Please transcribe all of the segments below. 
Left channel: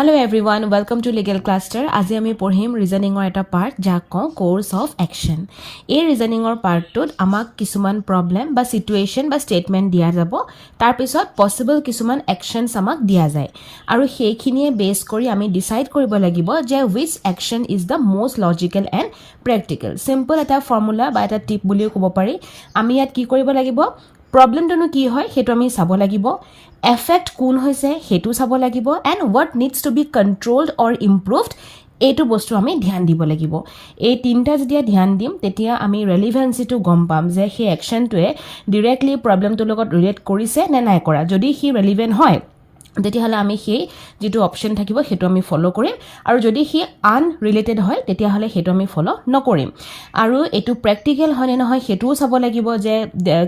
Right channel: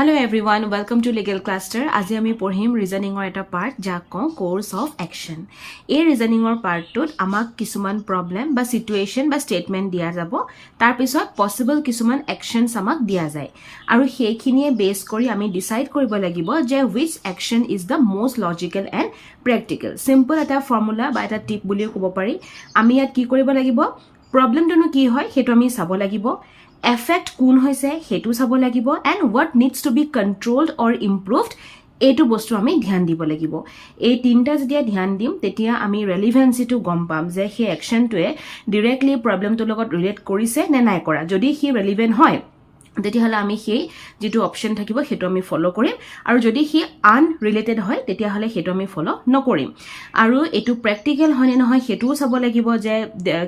Hello everyone, welcome to Legal Cluster. আজি আমি পঢ়িম ৰিজনিংৰ এটা পাৰ্ট যাক কওঁ কোৰ্স অফ একচন। এই ৰিজনিংৰ পাৰ্টটোত আমাক কিছুমান প্ৰবলেম বা সিচুৱেশন বা স্টেটমেন্ট দিয়া যাব। তাৰ পিছত পসিবল কিছুমান একচনছ আমাক দিয়া যায় আৰু সেইখিনিয়ে বেস কৰি আমি ডিসাইড কৰিব লাগিব যে which action is the most logical and practical. Simple এটা ফৰ্মুলা বা এটা টিপ বুলিও ক'ব পাৰি। আমি ইয়াত কি কৰিব লাগিব, প্ৰবলেমটো কি হয় হেতু আমি চাব লাগিব, effect কোন হৈছে হেতু চাব লাগিব, and what needs to be controlled or improved এইটো বস্তু আমি ধ্যান দিব লাগিব। এই তিনটা যেতিয়া ধ্যান দিম তেতিয়া আমি ৰেলেভেন্সিটো গম পাম যে সেই একচনটোৱে ডাইৰেক্টলি প্ৰবলেমটোৰ লগত ৰিলেট কৰিছে নে নাই কৰা। যদি হি ৰেলেভেন্ট হয় তেতিয়াহলে আমি সেই যেটো অপশন থাকিব হেতু আমি ফলো কৰিম, আৰু যদি হি আনৰিলেটেড হয় তেতিয়াহলে হেতু আমি ফলো নকৰিম। আৰু এটো প্ৰ্যাকটিক্যাল হয় নে নহয় হেতুও চাব লাগিব যে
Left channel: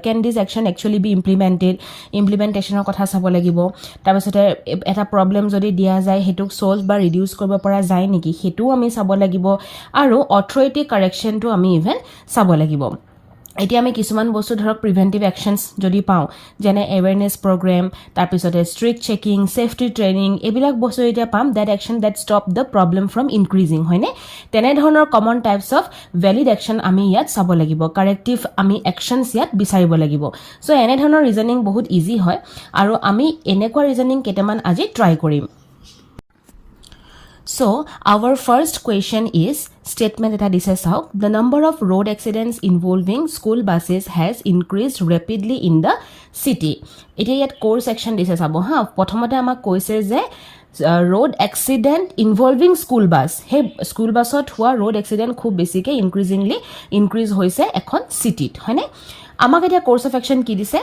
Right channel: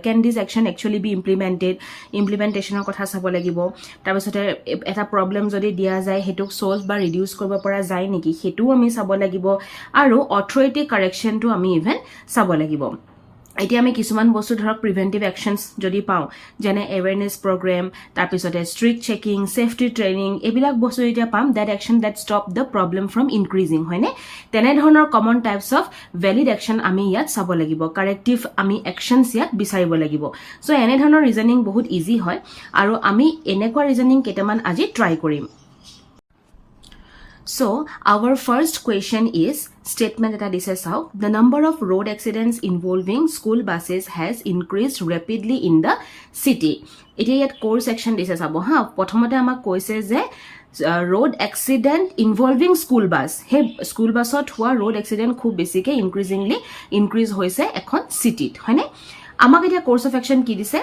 can this action actually be implemented, ইমপ্লিমেন্টেশনৰ কথা চাব লাগিব। তাৰ পিছতে এটা প্ৰবলেম যদি দিয়া যায় হেতুক সলভ বা ৰিডিউস কৰিব পৰা যায় নেকি হেতুও আমি চাব লাগিব, আৰু অথৰিটি কাৰেকশনটো আমি ইভেন চাব লাগিব। এতিয়া আমি কিছুমান বস্তু ধৰক প্ৰিভেন্টিভ একশনছ যদি পাওঁ যেনে এৱেৰনেছ প্ৰগ্ৰাম, তাৰ পিছতে ষ্ট্ৰিক্ট চেকিং, সেফটি ট্ৰেইনিং, এইবিলাক বস্তু এতিয়া পাম that action that stop the problem from increasing, হয়নে? তেনে ধৰণৰ common types of valid action আমি ইয়াত চাব লাগিব, কাৰেক্টিভ আমি একশনছ ইয়াত বিচাৰিব লাগিব। সো এনে ধৰণৰ ৰিজনিং বহুত ইজি হয় আৰু আমি এনেকুৱা ৰিজনিং কেইটামান আজি ট্ৰাই কৰিম। So, our first question is, statement eta dise sauk, the number of road accidents involving school buses has increased rapidly in the city. Eta yat core section dise sabo ha, prothomote amak koise je road accident involving school bus. He school busot hua road accident khub besike increasingly increase hoise ekhon city, hoine? Amak eta course of action ki dise,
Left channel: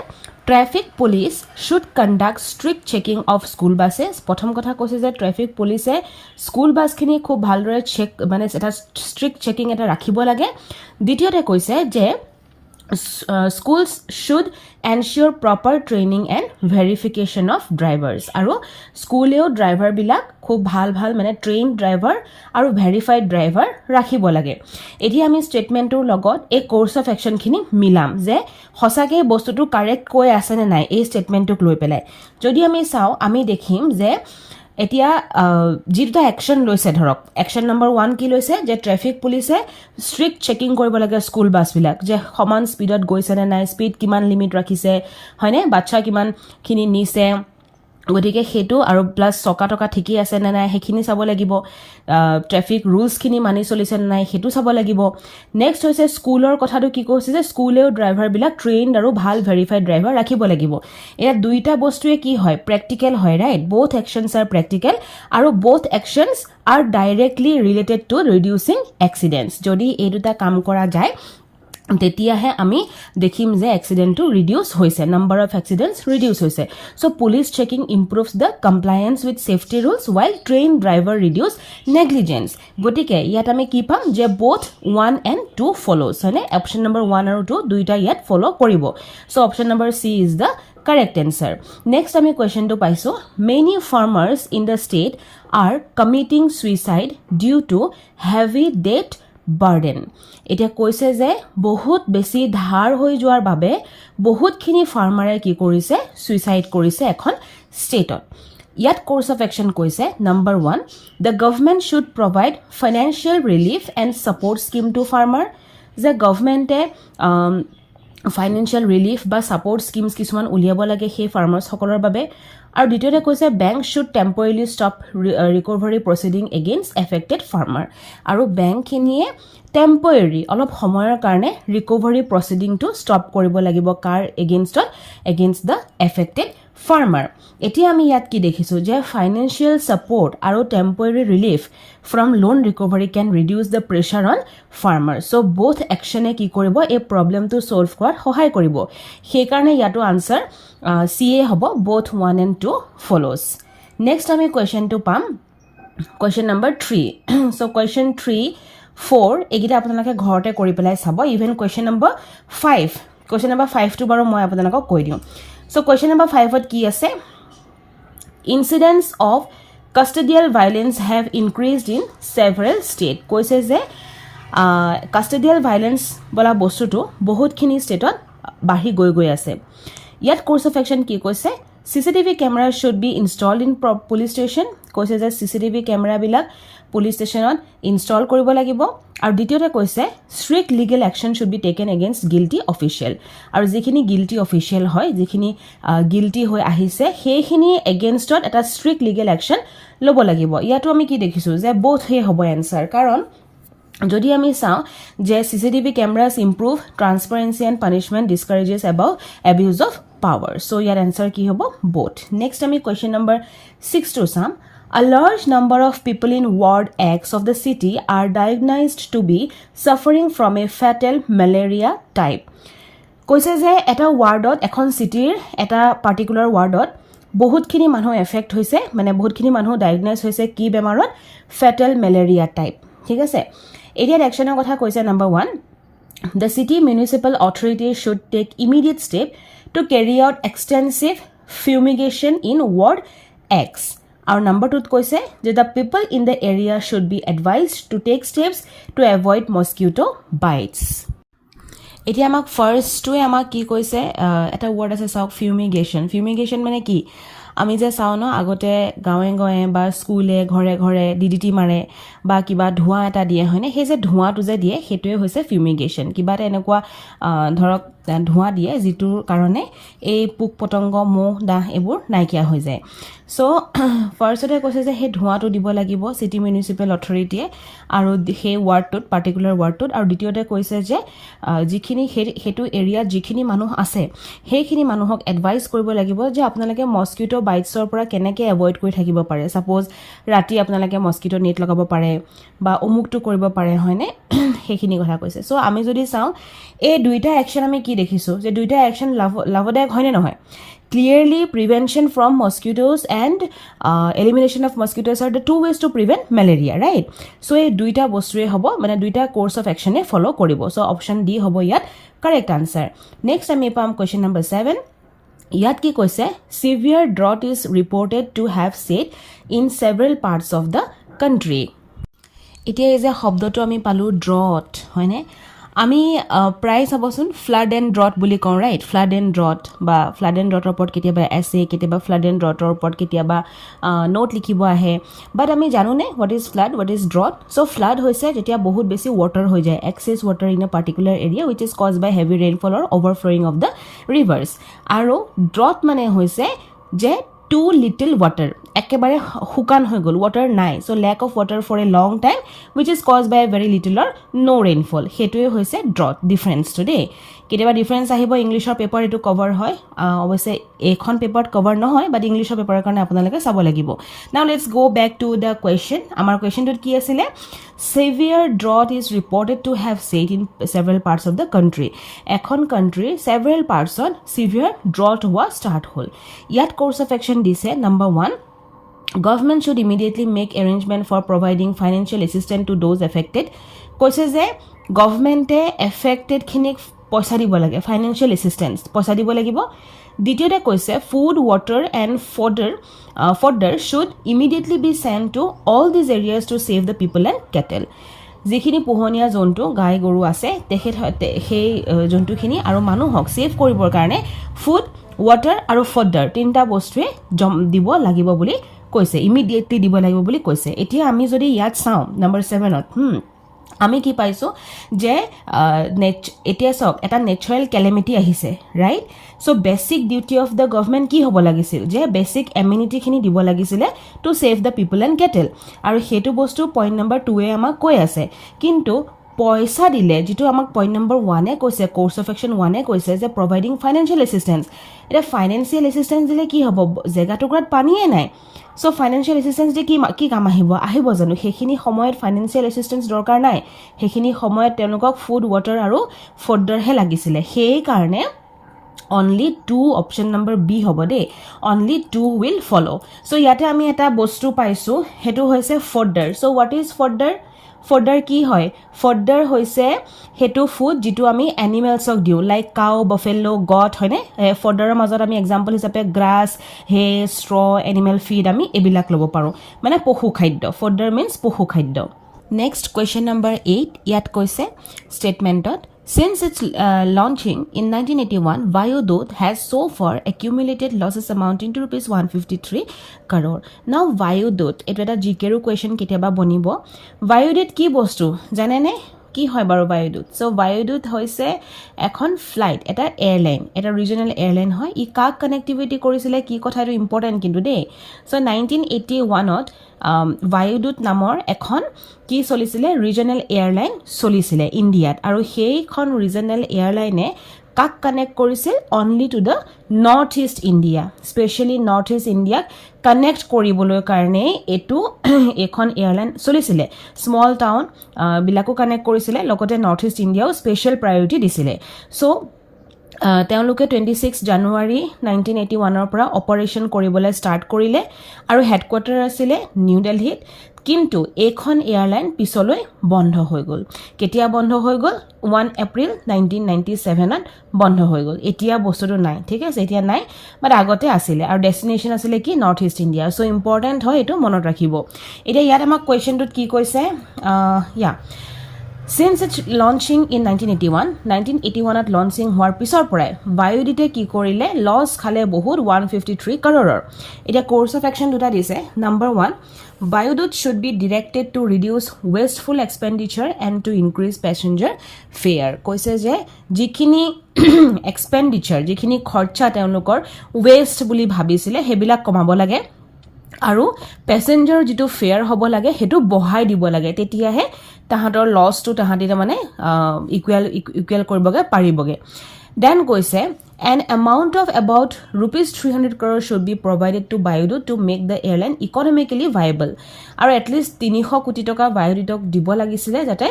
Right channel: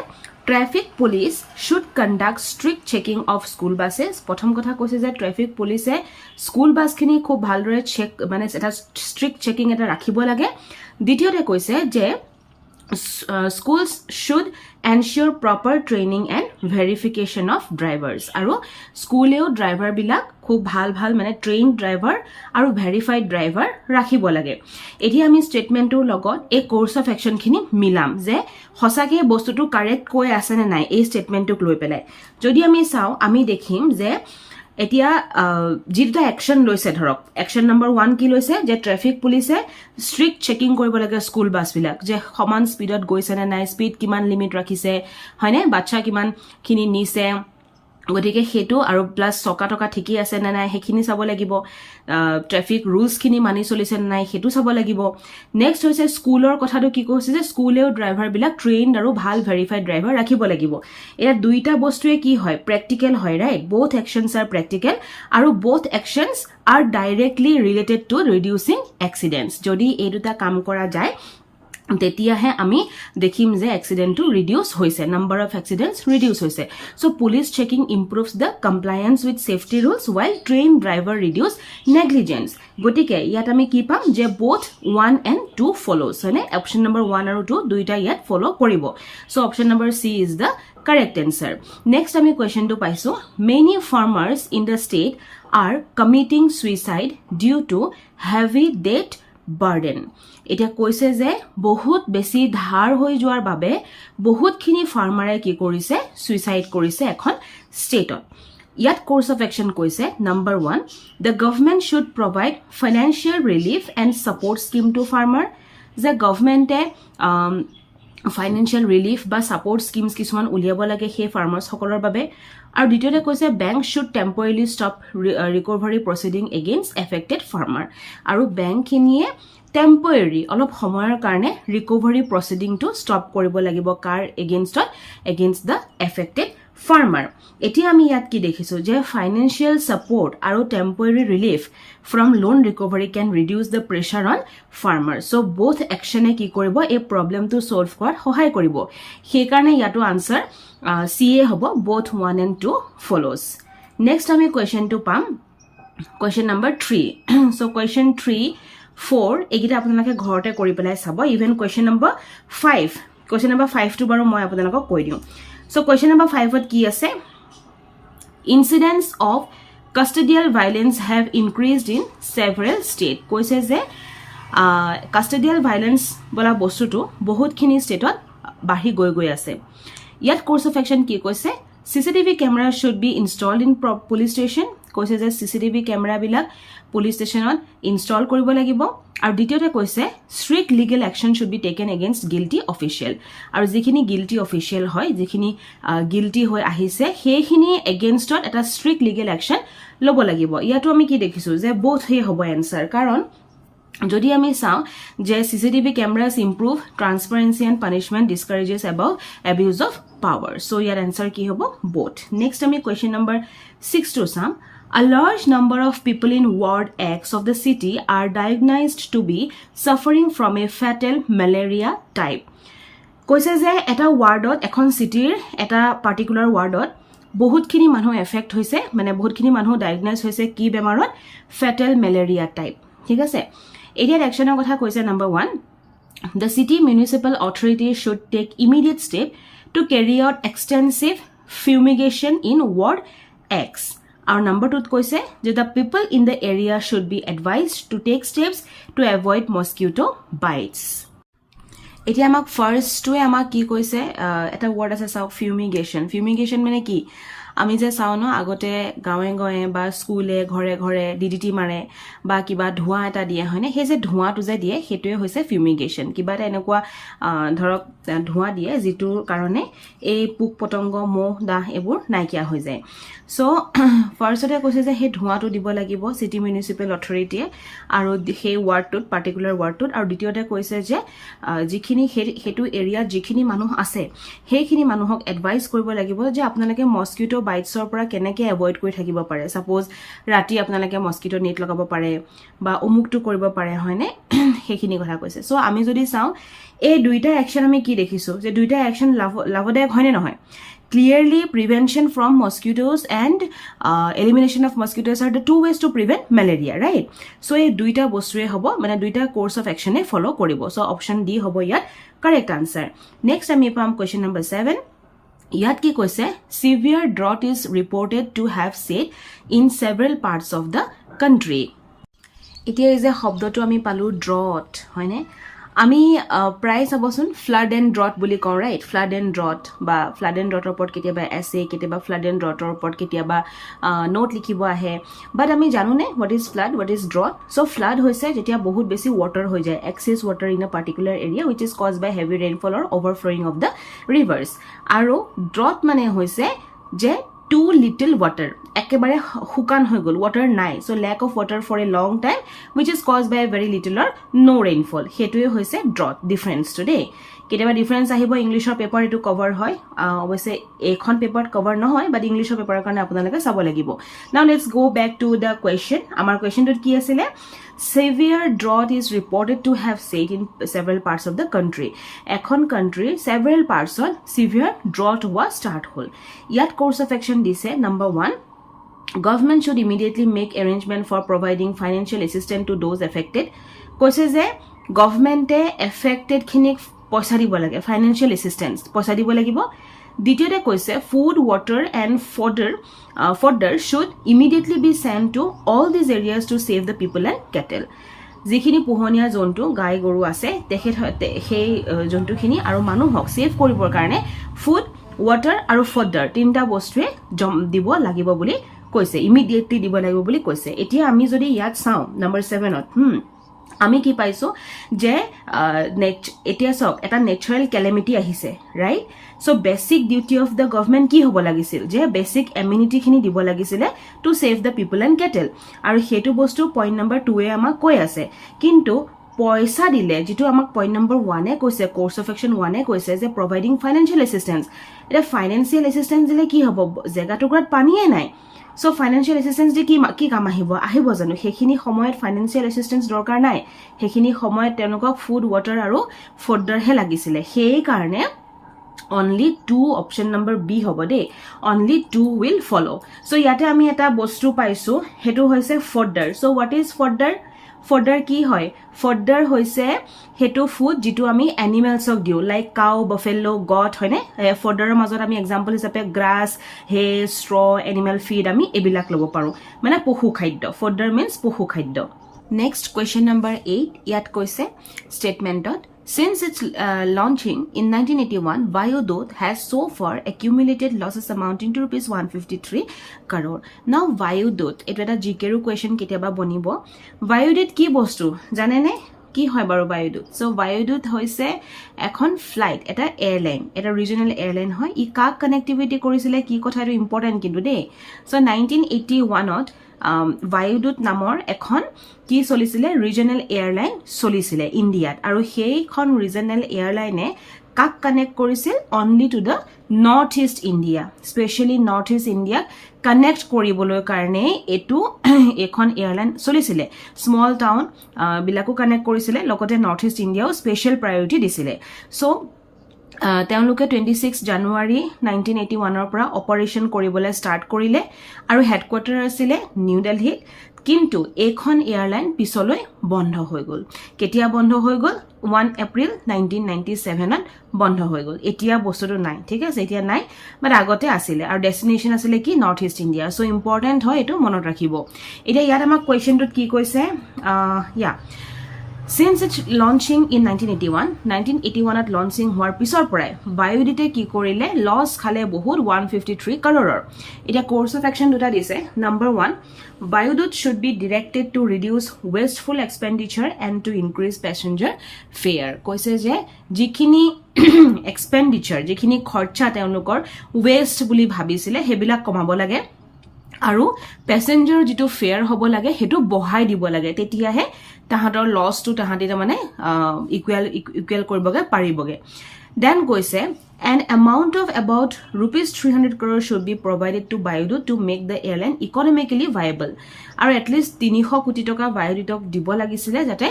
traffic police should conduct strict checking of school buses. প্ৰথম কথা কৈছে যে traffic পুলিচে school বাছখিনি খুব ভালদৰে check মানে এটা strict checking এটা ৰাখিব লাগে। দ্বিতীয়তে কৈছে যে schools should ensure proper training and verification of drivers, আৰু স্কুলেও ড্ৰাইভাৰ বিলাক খুব ভাল মানে ট্ৰেইনড ড্ৰাইভাৰ আৰু ভেৰিফাইড ড্ৰাইভাৰ ৰাখিব লাগে। এতিয়া আমি ষ্টেটমেন্টৰ লগত এই কোৰ্স অফ একশন খিনি মিলাম যে হসাকে বস্তুটো কাৰেক্ট কৈ আছে নে নাই এই ষ্টেটমেন্টক লৈ পেলাই। যদি আমি চাও আমি দেখিম যে এতিয়া যেটা একশন লৈছে, ধৰক একশন নম্বৰ 1 কি লৈছে যে ট্ৰাফিক পুলিচে ষ্ট্ৰিক্ট চেকিং কৰিব লাগে স্কুল বাছ বিলাক যে সমান স্পিডত গৈছে নে নাই, স্পিড কিমান লিমিট ৰাখিছে, হয়নে, বাচ্চা কিমান খিনি নিছে, গতিকে হেতু আৰু প্লাস চকা টকা ঠিকই আছে না নাই হেখিনি চাব লাগিব, ট্ৰাফিক ৰুলস খিনি মানি চলিছে না নাই হেতু চাব লাগিব। নেক্সট হৈছে স্কুলৰ কথাটো কি কৈছে যে স্কুলেও ড্ৰাইভাৰ বিলাক ট্ৰেইনড আৰু ভাল ভেৰিফাইড ড্ৰাইভাৰ ৰাখিব লাগিব। এটা দুইটা বস্তুৱে কি হয় প্ৰ্যাকটিক্যাল হয়, right? both actions are practical আৰু both actions are directly related to reducing accidents. যদি এই দুটা কাম কৰা যায় তেতিয়াহে আমি দেখিম যে এক্সিডেন্টটো ৰিডিউস হৈছে, নাম্বাৰ অফ এক্সিডেন্টস ৰিডিউস হৈছে। So police checking improves the compliance with safety rules while trained driver reduce negligence. গতিকে ইয়াত আমি কি পাম যে both 1 and 2 follows, হয়নে? অপশন নম্বৰ 1 আৰু 2 দুইটা ইয়াত ফলো কৰিব। So option number C is the correct answer. Next আমি কোৱেশ্চনটো পাইছো, many farmers in the state are committing suicide due to heavy debt burden. এতিয়া কৈছে যে বহুত বেছি ধাৰ হৈ যোৱাৰ বাবে বহুতখিনি ফাৰ্মাৰে কি কৰিছে সুইসাইড কৰিছে এখন ষ্টেটত। ইয়াত কোৰ্স অফ একশন কৈছে number 1, the government should provide financial relief and support scheme to farmer. যে গভৰ্ণমেণ্টে ফাইনেন্সিয়েল ৰিলিফ বা সাপোৰ্ট স্কিমছ কিছুমান উলিয়াব লাগে সেই ফাৰ্মাৰ্ছ সকলৰ বাবে। আৰু দ্বিতীয়তে কৈছে bank should temporarily stop recovery proceeding against affected farmer, আৰু বেংকখিনিয়ে টেম্পৰেৰী অলপ সময়ৰ কাৰণে ৰিকভাৰী প্ৰচিডিংটো ষ্টপ কৰিব লাগিব কাৰ এগেইনষ্টত, এগেইনষ্ট দ্য এফেক্টেড ফাৰ্মাৰ। এতিয়া আমি ইয়াত কি দেখিছো যে ফাইনেন্সিয়েল সাপোৰ্ট আৰু temporary relief from loan recovery can reduce the pressure on farmer. So both একশনে কি কৰিব এই প্ৰবলেমটো সলভ কৰাত সহায় কৰিব। সেইকাৰণে ইয়াতো আনসাৰ সি এ হ'ব, both 1 and 2 follows. নেক্সট আমি কোৱেশ্চনটো পাম কোৱেশ্চন নম্বৰ 3। সো কোৱেশ্চন 3, 4 এইকেইটা আপোনালোকে ঘৰতে কৰি পেলাই চাব। Even question number 5, question number 5 টো বাৰু মই আপোনালোকক কৈ দিওঁ। সো কোৱেশ্চন নম্বৰ 5 ত কি আছে, incidents of custodial violence have increased in several states. কৈছে যে custodial violence বলা বস্তুটো বহুতখিনি ষ্টেটত বাঢ়ি গৈ আছে। ইয়াত কোৰ্স অফ একশন কি কৈছে, CCTV cameras should be installed in police station কৈছে যে চিচিটিভি কেমেৰাবিলাক পুলিচ ষ্টেচনত ইনষ্টল কৰিব লাগিব আৰু দ্বিতীয়তে কৈছে strict legal action should be taken against guilty official আৰু যিখিনি গিল্টি অফিচিয়েল হয় যিখিনি গিল্টি হৈ আহিছে সেইখিনি এগেইনষ্টত এটা ষ্ট্ৰিক্ট লিগেল একশ্যন ল'ব লাগিব ইয়াতো আমি কি দেখিছোঁ যে বোথ হে হ'ব এনচাৰ কাৰণ যদি আমি চাওঁ যে CCTV cameras improve transparency and punishment discourages about abuse of power so' your answer কি হ'ব বোথ নেক্সট আমি কুৱেশ্যন নম্বৰ 6টো চাম A large number of people in Ward X of the city are diagnosed to be suffering from a fatal malaria type. কৈছে যে এটা ৱাৰ্ডত এখন চিটিৰ এটা পাৰ্টিকুলাৰ ৱাৰ্ডত বহুতখিনি মানুহ এফেক্ট হৈছে মানে বহুতখিনি মানুহ ডায়াগনাইজ হৈছে কি বেমাৰত ফেটেল মেলেৰিয়া টাইপ ঠিক আছে এতিয়া একশ্যনৰ কথা কৈছে number 1 The city municipal authority should take immediate step to carry out extensive fumigation in Ward X. Our number 2 কৈছে যে the people in the area should be advised to take steps to avoid mosquito bites. এতিয়া আমাক ফাৰ্ষ্টটোৱে আমাক কি কৈছে এটা word আছে চাওক ফিউমিগেশ্যন মানে কি আমি যে চাওঁ ন আগতে গাঁৱে গাঁৱে বা স্কুলে ঘৰে ঘৰে ডিডিটি মাৰে বা কিবা ধোঁৱা এটা দিয়ে হয়নে সেই যে ধোঁৱাটো যে দিয়ে সেইটোৱে হৈছে ফিউমিগেশ্যন কিবা এটা এনেকুৱা ধৰক ধোঁৱা দিয়ে যিটোৰ কাৰণে এই পোক পতংগ মহ দাহ এইবোৰ নাইকিয়া হৈ যায় চ' ফাৰ্ষ্টতে কৈছে যে সেই ধোঁৱাটো দিব লাগিব চিটি মিউনিচিপেল অথৰিটিয়ে আৰু সেই ৱাৰ্ডটোত পাৰ্টিকুলাৰ ৱাৰ্ডটোত আৰু দ্বিতীয়তে কৈছে যে যিখিনি সেইটো এৰিয়াত যিখিনি মানুহ আছে সেইখিনি মানুহক এডভাইচ কৰিব লাগিব যে আপোনালোকে মস্কিটো বাইটছৰ পৰা কেনেকৈ এভইড কৰি থাকিব পাৰে ছাপ'জ ৰাতি আপোনালোকে মস্কিটো নেট লগাব পাৰে বা অমুকটো কৰিব পাৰে হয়নে সেইখিনি কথা কৈছে চ' আমি যদি চাওঁ এই দুইটা একশ্যন আমি কি দেখিছোঁ যে দুইটা একশ্যন লাভদায়ক হয়নে নহয় Clearly, prevention from mosquitoes and elimination of mosquitoes are the two ways to prevent malaria, right? So, এই দুইটা বস্তুৱে হ'ব মানে দুইটা কোৰ্স অফ একশ্যনে ফলো কৰিব চ' অপশ্যন ডি হ'ব ইয়াত কাৰেক্ট আনচাৰ নেক্সট আমি পাম কুৱেশ্যন নম্বৰ 7 ইয়াত কি কৈছে severe drought is reported to have set in several parts of the country. এতিয়া এই যে শব্দটো আমি পালো ড্ৰট হয়নে আমি প্ৰায় চাবচোন ফ্লাড এণ্ড ড্ৰট বুলি কওঁ ৰাইট ফ্লাড এণ্ড ড্ৰট বা ফ্লাড এণ্ড ড্ৰটৰ ওপৰত কেতিয়াবা এছে কেতিয়াবা ফ্লাড এণ্ড ড্ৰটৰ ওপৰত কেতিয়াবা নোট লিখিব আহে বাট আমি জানোনে what is flood what is drought so' flood হৈছে যেতিয়া বহুত বেছি ৱাটাৰ হৈ যায় excess water in a particular area which is cause by heavy rainfall or overflowing of the rivers আৰু ড্ৰট মানে হৈছে যে টু লিটল ৱাটাৰ একেবাৰে শুকান হৈ গ'ল ৱাটাৰ নাই so' lack of water for a long time which is cause by very little or no' rainfall সেইটোৱে হৈছে ড্ৰট ডিফাৰেঞ্চটো দেই কেতিয়াবা ডিফাৰেঞ্চ আহিব ইংলিছৰ পেপাৰ এইটো কভাৰ হয় অৱশ্যে এইখন পেপাৰত কভাৰ নহয় বাট ইংলিছৰ পেপাৰৰ কাৰণে আপোনালোকে চাব লাগিব নাও লেটছ গ' বেক টু দ্য কুৱেশ্যন আমাৰ কুৱেশ্যনটোত কি আছিলে severe drought is reported to have set in several parts of the country এখন country several parts on severe drought হোৱা start হ'ল ইয়াত course of action দিছে number 1 government should immediately make arrangement for providing financial assistance to those affected কৈছে যে গভৰ্ণমেণ্টে affected খিনিক পইচা দিব লাগে ফাইনেন্সিয়েল এছিষ্টেঞ্চ পইচা দিব লাগিব দ্বিতীয়তে কৈছে food water and fodder should immediately B send to all these areas two save the people and kettle যিখিনি পোহনীয়া জন্তু গাই গৰু আছে সেই জন্তুখিনি আৰু মানুহক ছেভ কৰিবৰ কাৰণে ফুড ৱাটাৰ আৰু ফডাৰ তিনিটা বস্তুৱে দিব লাগিব বুলি কৈছে ইমিডিয়েটলি দিব লাগিব বুলি কৈছে এতিয়া আমি যদি ইয়াত চাওঁ নম্বৰ 7ত আমি কি পাইছোঁ যে এতিয়া চাওক এটা নেচাৰেল কেলেমিটি আহিছে right so' basic duty of the government কি হ'ব লাগিছিল যে বেচিক এমিউনিটিখিনি দিব লাগিছিলে two save the people and kettle আৰু সেইটো বস্তু পইণ্ট নম্বৰ 2 আমাক কৈ আছে কিন্তু পইচা দিলে যিটো আমাক পইণ্ট নম্বৰ 1 কৈছে কোৰ্স অফ একশ্যন 1 কৈছে যে প্ৰভাইডিং ফাইনেন্সিয়েল এছিষ্টেঞ্চ এতিয়া ফাইনেন্সিয়েল এছিষ্টেঞ্চ দিলে কি হ'ব জেগা টুকুৰাত পানীয়ে নাই চ' ফাইনেন্সিয়েল এছিষ্টেঞ্চ দি কি কাম আহিব জানো সেইখিনি সময়ত ফাইনেন্সিয়েল এছিষ্টেঞ্চ দৰকাৰ নাই সেইখিনি সময়ত তেওঁলোকক ফুড ৱাটাৰ আৰু ফডাৰহে লাগিছিলে সেইকাৰণে অনলি 2 অপশ্যন নম্বৰ বি হ'ব দেই অনলি 2 উইল ফ'ল' চ' ইয়াতে আমি এটা বস্তু পাইছোঁ সেইটো হৈছে fodder so' what is fodder কি হয় ফডাৰ হৈছে সেইটো ফুড যিটো আমি এনিমেলছক দিওঁ লাইক কাউ বফেলো গট হয়নে ফডাৰৰ মাজত আমি এক্সাম্পল হিচাপে গ্ৰাছ হে ষ্ট্ৰ এনিমেল ফিড আমি এইবিলাক ল'ব পাৰোঁ মানে পশু খাদ্য ফডাৰ মিনছ পশু খাদ্য নেক্সট কুৱেশ্যন নম্বৰ 8 ইয়াত কৈছে ষ্টেটমেণ্টত Since its launching in 1981, Vayudut has so far accumulated losses amounting to rupees 153 crore. Now Vayudut, এটা এটা জিকেৰো কোৱেশ্চন কেতিয়াবা বনিব Vayudut কি বস্তু জানে নে কি হয় বাৰু Vayudut সো Vayudut হৈছে এখন ফ্লাইট এটা এয়াৰলাইন এটা ৰিজনাল এয়াৰলাইন হয় ই কাক কানেক্টিভিটি কৰিছিলে কি কথা এটো ইম্পৰ্টেন্ট কিন্তু দেই সো 1981 ত Vayudut নামৰ এখন কি চলিছিলে ৰিজনাল এয়াৰলাইন চলিছিলে ইণ্ডিয়াত আৰু সেইখন ৰিজনাল এয়াৰলাইনে কাক কানেক্ট কৰিছিল only to the north east India specially north east ইণ্ডিয়াক কানেক্ট কৰিবলৈ কাৰণে এটো এখন এয়াৰলাইন চলিছিলে স্মল টাউন বিলাকো কানেক্ট কৰিছিলে লগতে নৰ্থ ইষ্ট ইণ্ডিয়াও স্পেশাল প্ৰায়োৰিটি দিছিলে সো তেওঁলোকে 26 জানুৱাৰী 1981 ৰ পৰা অপাৰেচন কৰিবলৈ ষ্টাৰ্ট কৰিলে আৰু হেডকোৱাৰ্টাৰ আছিল নিউ দিল্লীত কিন্তু এখন এয়াৰলাইন পিছলৈ বন্ধ হৈ গল কেতিয়া বন্ধ হৈ গল 1 এপ্ৰিল 1997 ত বন্ধ হৈ গল এতিয়া বস্তুটো নাই ঠিক আছে এতিয়া নাই বাট আগতে আছিল আৰু ডেস্টিনেশন আছিল কি north east India so important হয় এটো মনত ৰাখিব এতিয়া ইয়াত আমাক কোৱেশ্চনটোত কি কৈছে Since its launching in 1981 at launching হোৱাৰ পিছৰ পৰাই Vayudute কি কৰিলে লছ খালে বহুত 153 crore এটা কোৰ্স অফ একশন দুটা দিছে number 1 Vayudut should be directed to reduce wasteful expenditure and to increase passenger fare কৈছে যে যিখিনি expenditure যিখিনি খৰচা তেওঁলোকৰ waste বুলি ভাবিছিলে হেবিলাক কমাব লাগে আৰু প্যাসেঞ্জাৰ যেটো ফেয়াৰ হ'ব লাগে হেতু বহাই দিব লাগে তেতিয়াহে তাহাঁতৰ লছটো তাহাঁতি মানে ইকুৱেল কৰিবগে পাৰিবগে দেন কৈছে an amount of about rupees 300 crore should be provided to Vayudut to make the airline economically viable আৰু at least 300 কোটি টকা Vayudutক দিব লাগিছিলে যাতে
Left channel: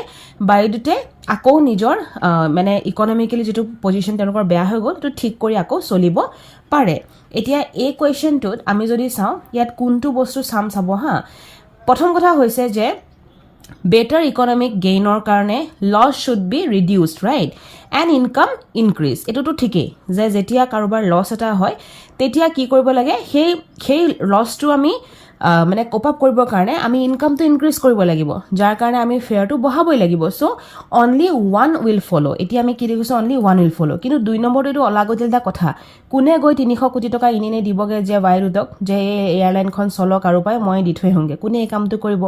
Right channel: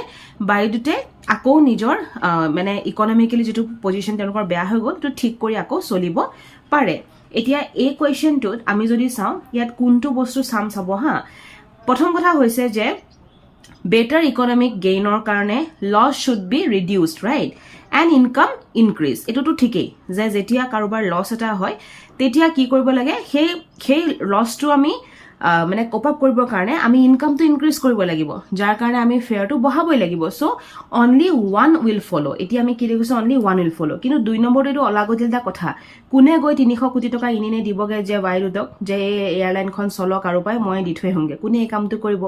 Vayudute আকৌ নিজৰ মানে ইকোনমিক্যালি যেটো পজিশন তেওঁলোকৰ বেয়া হৈ গল তো ঠিক কৰি আকৌ চলিব পাৰে এতিয়া এই কোৱেশ্চনটোত আমি যদি চাও ইয়াত কোনটো বস্তু চাব হা প্ৰথম কথা হৈছে যে better economic gain or karne loss should be reduced right and income increase eto to thike je jetia karobar loss eta hoy tetia ki koribo lage hey loss to ami মানে কোপ আপ কৰিবৰ কাৰণে আমি income তো increase কৰিব লাগিব যাৰ কাৰণে আমি ফেয়াৰ তো বহাবই লাগিব সো অনলি ওয়ান উইল ফলো এতিয়া আমি কি দেখিছো অনলি ওয়ান উইল ফলো কিন্তু দুই নম্বৰটো এটো অলাগতিলটা কথা কোনে গৈ 300 কোটি টকা ইনে দিবগে যে Vayudutক যে এয়াৰলাইনখন চলক আৰু পাই মই দি থৈ হংগে কোনে এই কামটো কৰিব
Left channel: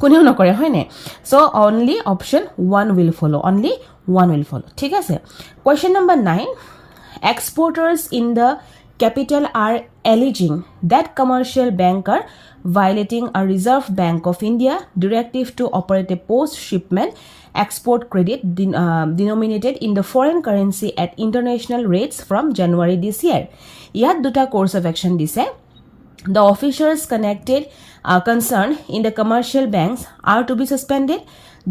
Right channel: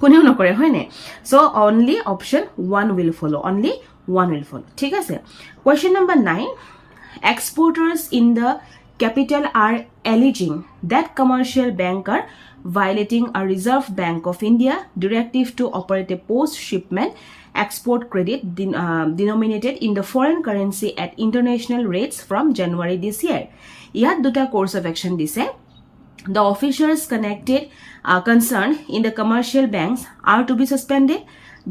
কোনেও নকৰে হয়নে so only option one will follow only one will follow ঠিক আছে question number 9 exporters in the capital are alleging that commercial banker violating a Reserve Bank of India directive to operate a post-shipment export credit denominated in the foreign currency at international rates from January this year. Yat duta course of action dise. The officers concerned in the commercial banks are to be suspended.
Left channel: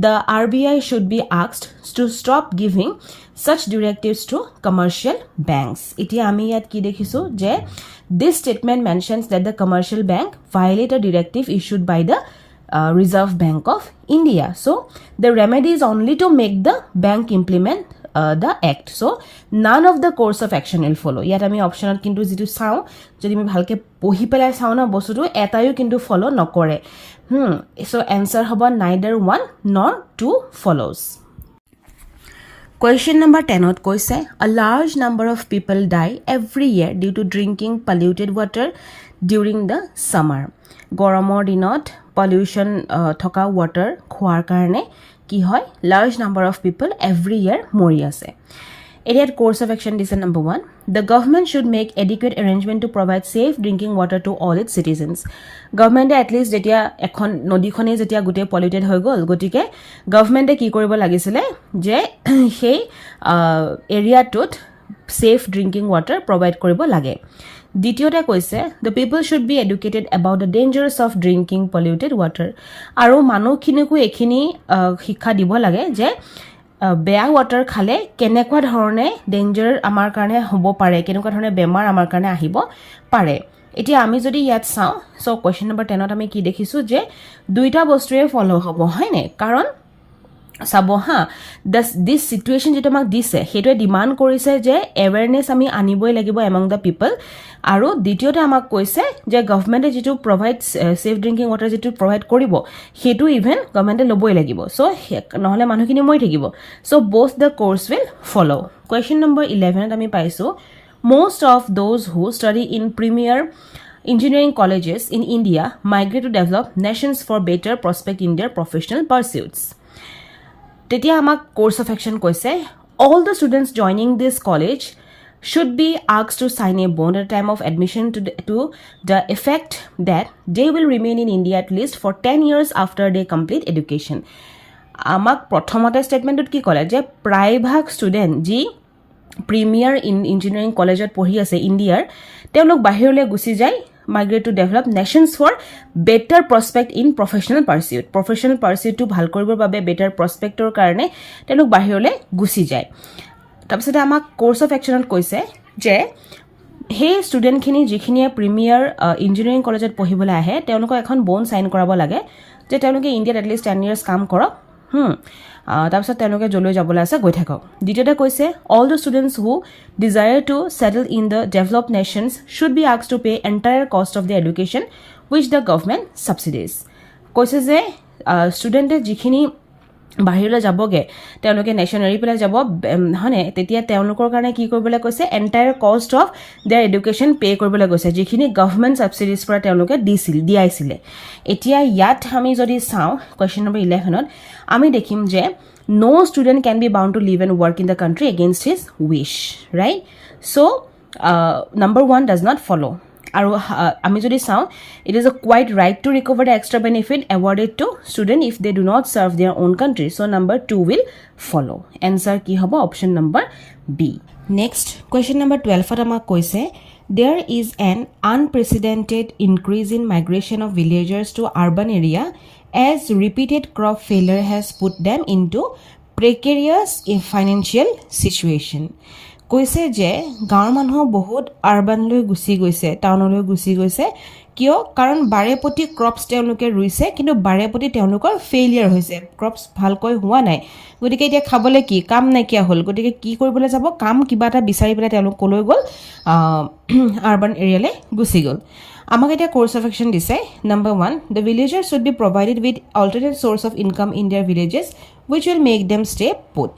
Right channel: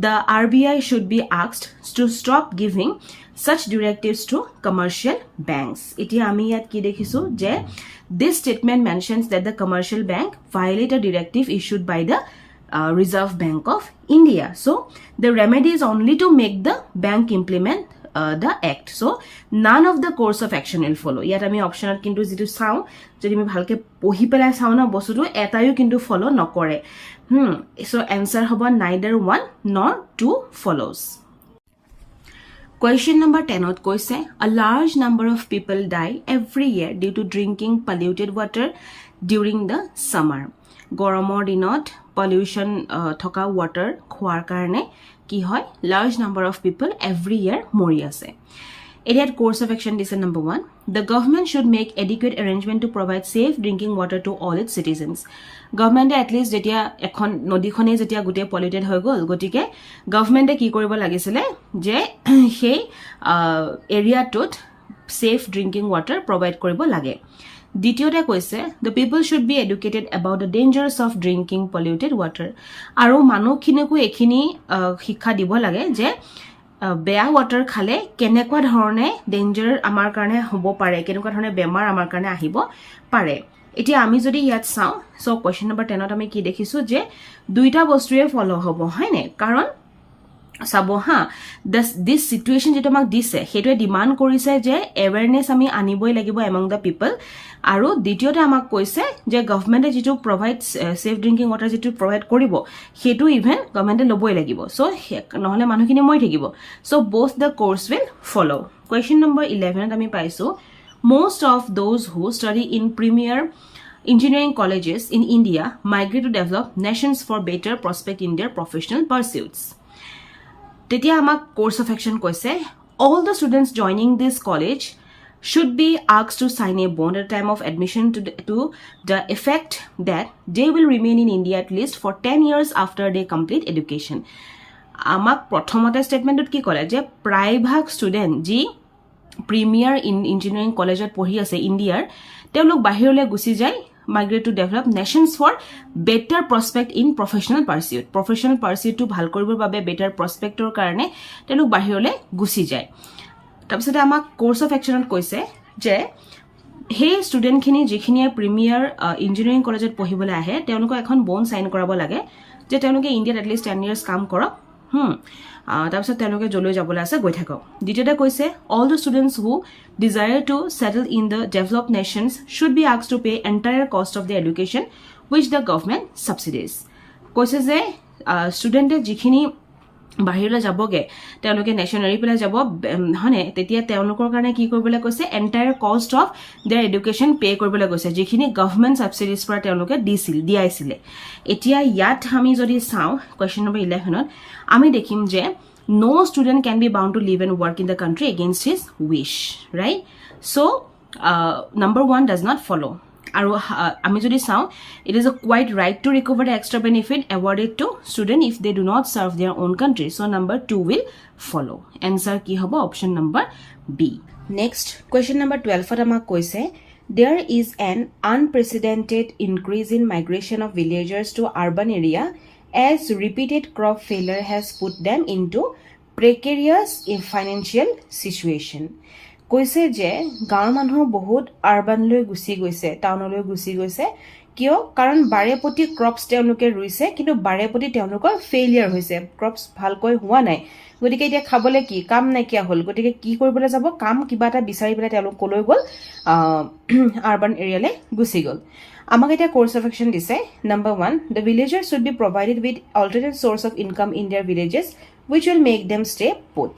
The RBI should be asked to stop giving such directives to commercial banks. Iti ami yat ki dekhisu je this statement mentions that the commercial bank violated a directive issued by the Reserve Bank of India. So the remedy is only to make the bank implement the act. So none of the course of action will follow. Yat ami optional kintu jitu sao jodi mi bhalke pohi pelai sao na bostutu etayo kintu follow nokore. So answer hoba neither one nor two follows. Question number 10 ot koise a large number of people die every year due to drinking polluted water during the summer. Goromor dinot pollution thoka water khoar karone ki hoy large number of people every year mori ase. Idiot course of action is number 1. The government should make adequate arrangement to provide safe drinking water to all its citizens. Government at least jetia ekhon nodi khone jetia gute polluted hoy gol gotike government ki koribo lagisile je hey area tot safe drinking water provide koribo lage. দ্বিতীয়তে কৈছে the people should be educated about the dangers of drinking polluted water আৰু মানুহখিনিকো এখিনি শিক্ষা দিব লাগে যে বেয়া water খালে কেনেকুৱা ধৰণে ডেঞ্জাৰ আমাৰ কাৰণে হ'ব পাৰে কেনেকুৱা ধৰণে বেমাৰ আমাৰ কাৰণে আহিব পাৰে এতিয়া আমি যদি ইয়াত চাও সো কোৱেশ্চন নম্বৰ 10 ত আমি কি দেখিছো যে দুইটা বস্তুৱে ফলো হ'ব হয়নে কাৰণ চাব হা দিছ চিটুৱেশ্যন যিটো আমাক দিছে সেইটোৱে ডিমাণ্ড কৰিছে যে এৱেৰনেছ আমি আনিবই লাগিব এমং দ্য পিপল আৰু দ্বিতীয়তে আমাক কৈছে যে গভৰ্ণমেণ্টে যিটো প্ৰভাইড ছেফ ড্ৰিংকিং ৱাটাৰ যিটো প্ৰভাইড কৰিব সেইটো ইভেন গভৰ্ণমেণ্টে ল'বই লাগিব চ' নহ'লে মানুহখিনি মৰি থাকিব চ' both the course will follow. Question number 11 আমি পাইছোঁ most of those who study in premier engineering colleges in India migrate to develop nations for better prospect in their professional pursuits. তেতিয়া আমাক course of action কৈছে all the students joining this college should be asked to sign a bond at the time of admission to the effect that they will remain in India at least for 10 years after they complete education. আমাক প্ৰথমতে ষ্টেটমেণ্টত কি ক'লে যে প্ৰায়ভাগ student যি premier engineering কলেজত পঢ়ি আছে ইণ্ডিয়াৰ তেওঁলোক বাহিৰলৈ গুচি যায় migrate to develop nations for better prospect in professional pursuitটো ভাল কৰিবৰ বাবে better prospectৰ কাৰণে তেওঁলোক বাহিৰলৈ গুচি যায় তাৰপিছতে আমাক কোৰ্চ অফ একশ্যনত কৈছে যে সেই ষ্টুডেণ্টখিনি যিখিনিয়ে প্ৰিমিয়াৰ ইঞ্জিনিয়াৰিং কলেজত পঢ়িবলৈ আহে তেওঁলোকক এখন বণ্ড চাইন কৰাব লাগে যে তেওঁলোকে ইণ্ডিয়াত এটলিষ্ট 10 years কাম কৰক তাৰপিছত তেওঁলোকে যলৈ যাবলৈ আছে গৈ থাকক দ্বিতীয়তে কৈছে all the students who desire to settle in the developed nations should be asked to pay entire cost of their education which the government subsidies কৈছে যে ষ্টুডেণ্টে যিখিনি বাহিৰলৈ যাবগে তেওঁলোকে নেশ্যন এৰি পেলাই যাব হনে তেতিয়া তেওঁলোকৰ কাৰণে কি কৰিবলৈ কৈছে entire cost of there education pay কৰিবলৈ কৈছে যিখিনি গভৰ্ণমেণ্ট সাবসিডিজ পৰা তেওঁলোকে দিয়াইছিলে এতিয়া ইয়াত আমি যদি চাওঁ কোৱেশ্চন নম্বৰ 11ত আমি দেখিম যে no student can be bound to live and work in the country against his wish right so number 1 does not follow আৰু আমি যদি চাওঁ it is a quite right to recover the extra benefit awarded to student if they do not serve their own country so number 2 will follow answer কি হ'ব option number B next question number 12 আমাক কৈছে there is an unprecedented increase in migration of villagers to urban area as repeated crop failure has put them into precarious financial situation কৈছে যে গাঁৱৰ মানুহ বহুত আৰবানলৈ গুচি গৈছে টাউনলৈ গুচি গৈছে কিয় কাৰণ বাৰেপতি ক্ৰপছ তেওঁলোকে ৰুইছে কিন্তু বাৰেপতি তেওঁলোকৰ ফেইলিয়াৰ হৈছে ক্ৰপছ ভালকৈ হোৱা নাই গতিকে এতিয়া খাবলৈ কি কাম নাইকিয়া হ'ল গতিকে কি কৰিবলৈ যাব কাম কিবা এটা বিচাৰি পেলাই তেওঁলোক কলৈ গ'ল আৰবান এৰিয়ালৈ গুচি গ'ল আমাক এটা কোৰ্স অফ একশ্যন দিছে number 1 the villagers should be provided with alternate source of income in their villages which will make them stay put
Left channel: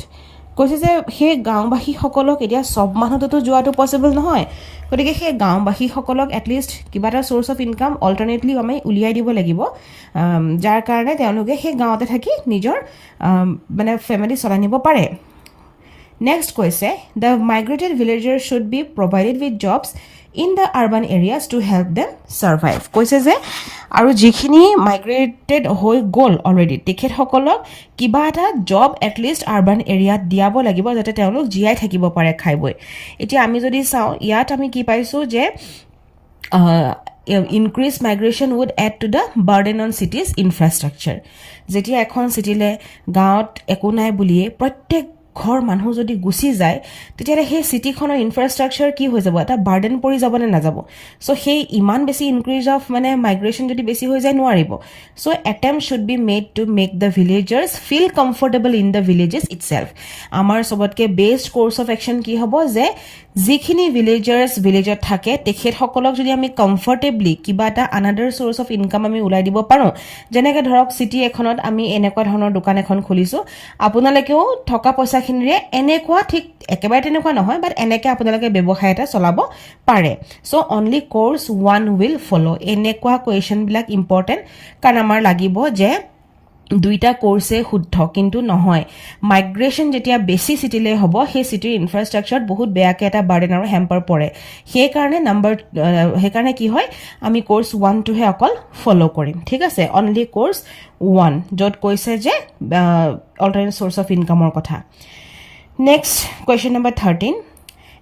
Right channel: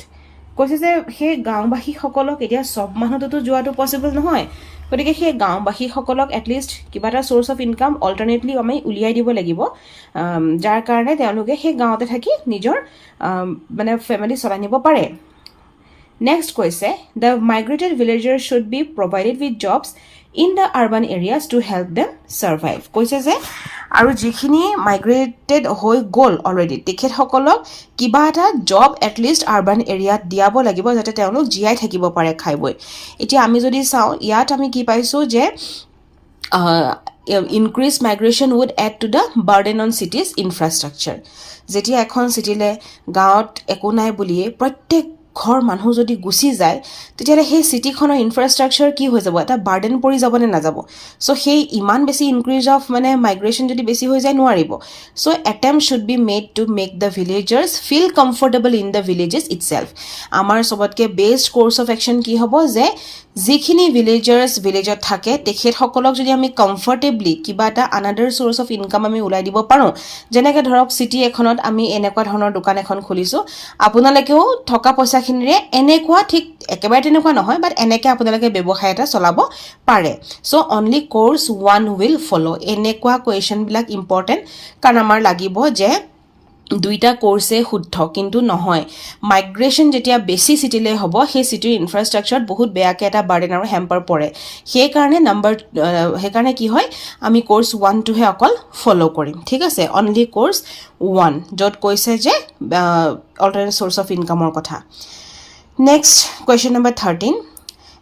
কৈছে যে সেই গাঁওবাসীসকলক এতিয়া সব মানুহতো যোৱাটো পসিবল নহয় গতিকে সেই গাঁওবাসীসকলক এটলিষ্ট কিবা এটা সোৰ্স অফ ইনকাম অল্টাৰনেটলি আমি উলিয়াই দিব লাগিব যাৰ কাৰণে তেওঁলোকে সেই গাঁৱতে থাকি নিজৰ মানে ফ্যামিলি চলাই নিব পাৰে নেক্সট কৈছে the migrated villagers should be provided with jobs in the urban areas to help them survive কৈছে যে আৰু যিখিনি মাইগ্ৰেটেড হৈ গ'ল অলৰেডি তেখেত সকলক কিবা এটা জব এট লিষ্ট আৰবান এৰিয়াত দিয়াব লাগিব যাতে তেওঁলোক জিয়াই থাকিব পাৰে খাইবই এতিয়া আমি যদি চাওঁ ইয়াত আমি কি পাইছো যে increased migration would add to the burden on cities infrastructure যেতিয়া এখন সিটিলে গাঁৱত একো নাই বুলিয়ে প্ৰত্যেক ঘৰ মানুহ যদি গুচি যায় তেতিয়া সেই সিটিখনৰ ইনফ্ৰাষ্ট্ৰাকচাৰ কি হৈ যাব এটা বাৰ্ডেন পৰি যাব নে না যাব সো সেই ইমান বেছি ইনক্ৰিজ অফ মানে মাইগ্ৰেশন যদি বেছি হৈ যায় নোৱাৰিব so attempt should be made to make the villagers feel comfortable in the villages itself আমাৰ সবতকে বেষ্ট কোৰ্স অফ একশ্যন কি হ'ব যে যিখিনি ভিলেজাৰ্স ভিলেজত থাকে তেখেত সকলক যদি আমি কমফৰ্টেবলি কিবা এটা আনাদাৰ সোৰ্স অফ ইনকাম আমি উলাই দিব পাৰো যেনেকৈ ধৰক সিটি এখনত আমি এনেকুৱা ধৰণৰ দোকান এখন খুলিছো আপোনালোকেও থকা পইচাখিনিৰে এনেকুৱা ঠিক একেবাৰে তেনেকুৱা নহয় বাট এনেকৈ আপোনালোকে ব্যৱসায় এটা চলাব পাৰে সো অনলি কোৰ্স 1 উইল ফলো এনেকুৱা কোৱেশ্চন বিলাক ইম্পৰ্টেন্ট কাৰণ আমাৰ লাগিব যে দুইটা কোৰ্সে শুদ্ধ কিন্তু নহয় মাইগ্ৰেশন যেতিয়া বেছি সিটিলে হ'ব সেই সিটিৰ ইনফ্ৰাষ্ট্ৰাকচাৰত বহুত বেয়াকে এটা বাৰ্ডেন আৰু হেম্পাৰ পৰে সেই কাৰণে কি হয় আমি কোৰ্স 1 টোহে অকল ফলো কৰিম ঠিক আছে অনলি কোৰ্স 1 যত কৈছে যে অল্টাৰনেট সোৰ্স অফ ইনকামৰ কথা next question number 13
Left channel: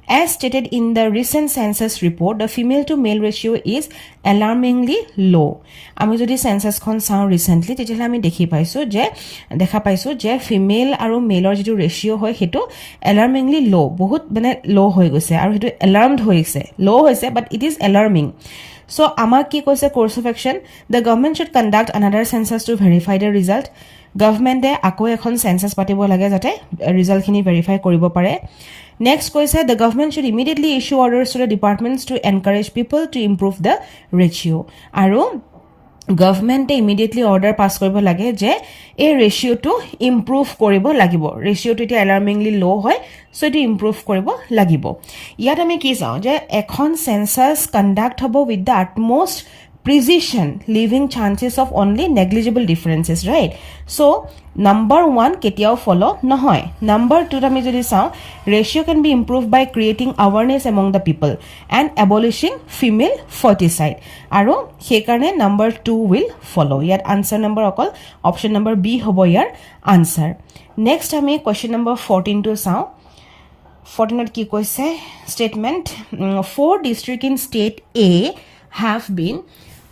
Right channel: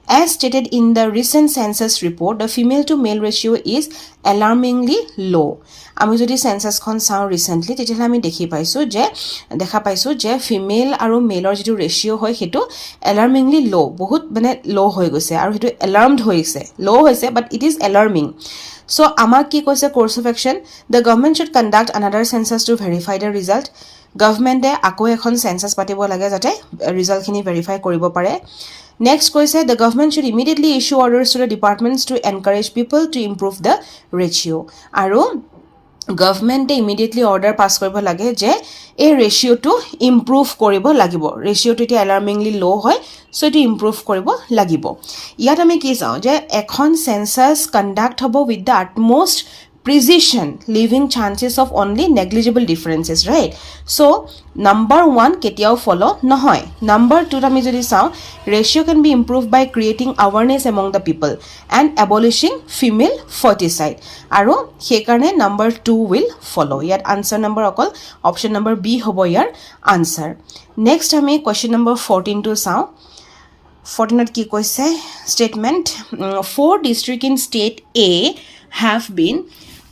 As stated in the recent census report, the female to male ratio is alarmingly low. আমি যদি সেন্সাসখন চাওঁ ৰিসেন্টলি তেতিয়াহ'লে আমি দেখা পাইছো যে ফিমেল আৰু মেলৰ যিটো ৰেশিও হয় হেতু alarmingly low বহুত মানে লো হৈ গৈছে আৰু হেতু alarmed হৈছে লো হৈছে but it is alarming so আমাক কি কৈছে course of action the government should conduct another census to verify the result গভৰ্ণমেণ্টে আকৌ এখন চেঞ্চাছ পাতিব লাগে যাতে ৰিজাল্টখিনি ভেৰিফাই কৰিব পাৰে নেক্সট কৈছে the government should immediately issue orders to the departments to encourage people to improve the ratio' আৰু গভৰ্ণমেণ্টে ইমিডিয়েটলি অৰ্ডাৰ পাছ কৰিব লাগে যে এই ৰেচিঅ'টো ইম্প্ৰুভ কৰিব লাগিব ৰেচিঅ'টো এতিয়া এলাৰ্মিংলি ল' হয় চ' এইটো ইম্প্ৰুভ কৰিব লাগিব ইয়াত আমি কি চাওঁ যে এখন চেঞ্চাছ কণ্ডাক্ট হ'ব with the আটমষ্ট precision leaving chances of only negligible differences right so number 1 ketiao follow nohoy number 2 ami jodi saw ratio can be improved by creating awareness among the people and abolishing female foeticide aro he karone number 2 will follow yet answer number okol option number b hobo yar answer next ami question number 14 to saw 14 ki koise statement 4 district in state A have been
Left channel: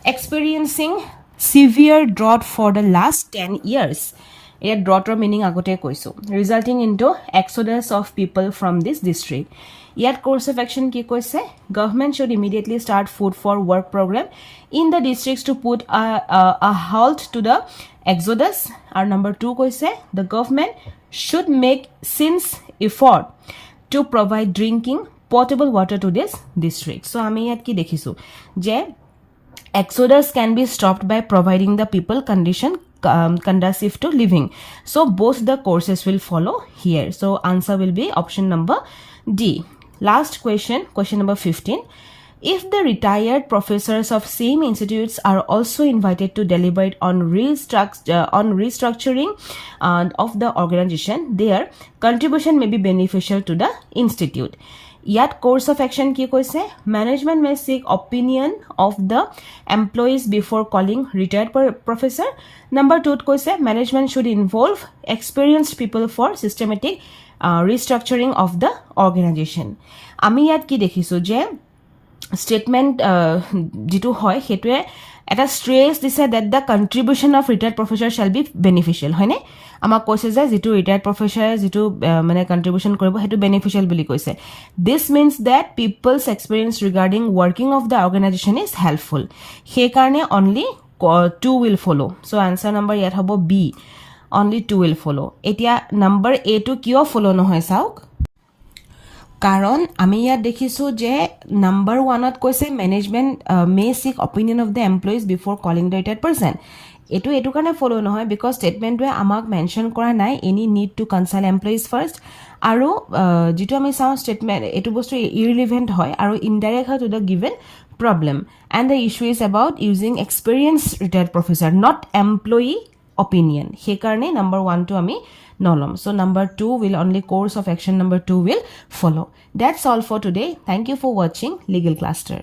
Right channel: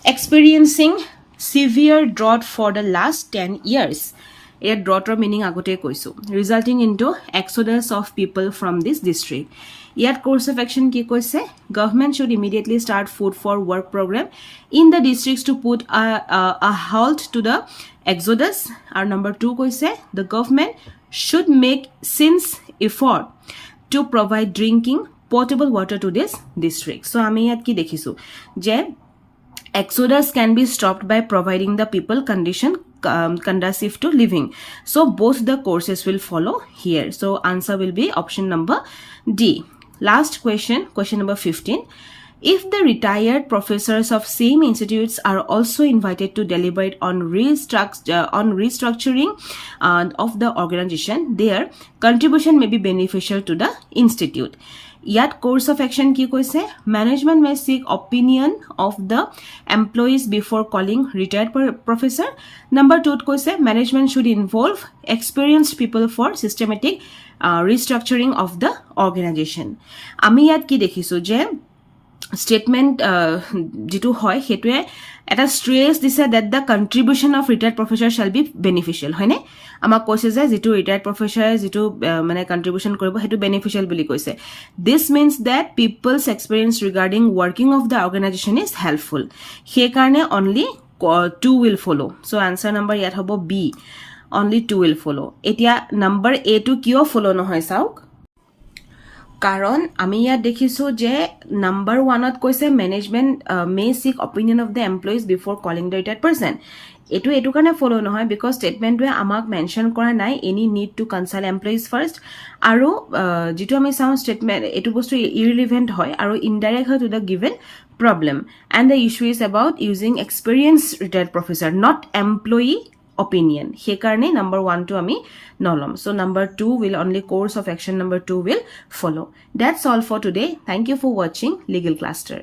experiencing severe drought for the last 10 years. It droughter meaning agote koisu, resulting into exodus of people from this district. Yet course of action ki koise, government should immediately start food for work program in the districts to put a halt to the exodus. Our number 2 koise, the government should make sincere effort to provide drinking potable water to this district. So ami yat ki dekhisu je exodus can be stopped by providing the people condition conducive to living. So both the courses will follow here. So answer will be option number D. Last question, question number 15. If the retired professors of same institutes are also invited to deliberate on restructuring of the organization, their contribution may be beneficial to the institute. Yet course of action ki koise management may seek opinion of the employees before calling retired professor. Number 2 koise management should involve experienced people for systematic restructuring of the organization. Ami yat ki dekhisu je statement jitu hoy hetue eta stress dise that the contribution of retired professor shall be beneficial hoine আমাক কৈছে যে যেটো retired professor যেটো মানে কন্ট্ৰিবিউশন কৰিব হেতু beneficial বুলি কৈছে this means that people's experience regarding working of the organization is helpful সেই কাৰণে only 2 will follow so answer number ইয়াত হ'ব b only 2 will follow এতিয়া number a to কিয় follow নহয় চাওক কাৰণ আমি ইয়াত দেখিছো যে নাম্বাৰ 1 ত কৈছে ম্যানেজমেন্ট মে সিক opinion of the employees বিফোৰ calling the retired person এটো কাৰণে ফলো নহয় বিকজ স্টেটমেন্টে আমাক মেনশন কৰা নাই any need to consult employees first আৰু যেটো আমি চাও স্টেটমেন্ট এটো বস্তু ইৰৰিলেভেন্ট হয় আৰু ইনডাইৰেক্ট হয় to the given problem and the issue is about using experienced retired professor not employee opinion he karne number 1 to ami nolom so number 2 will only course of action number 2 will follow that's all for today thank you for watching legal cluster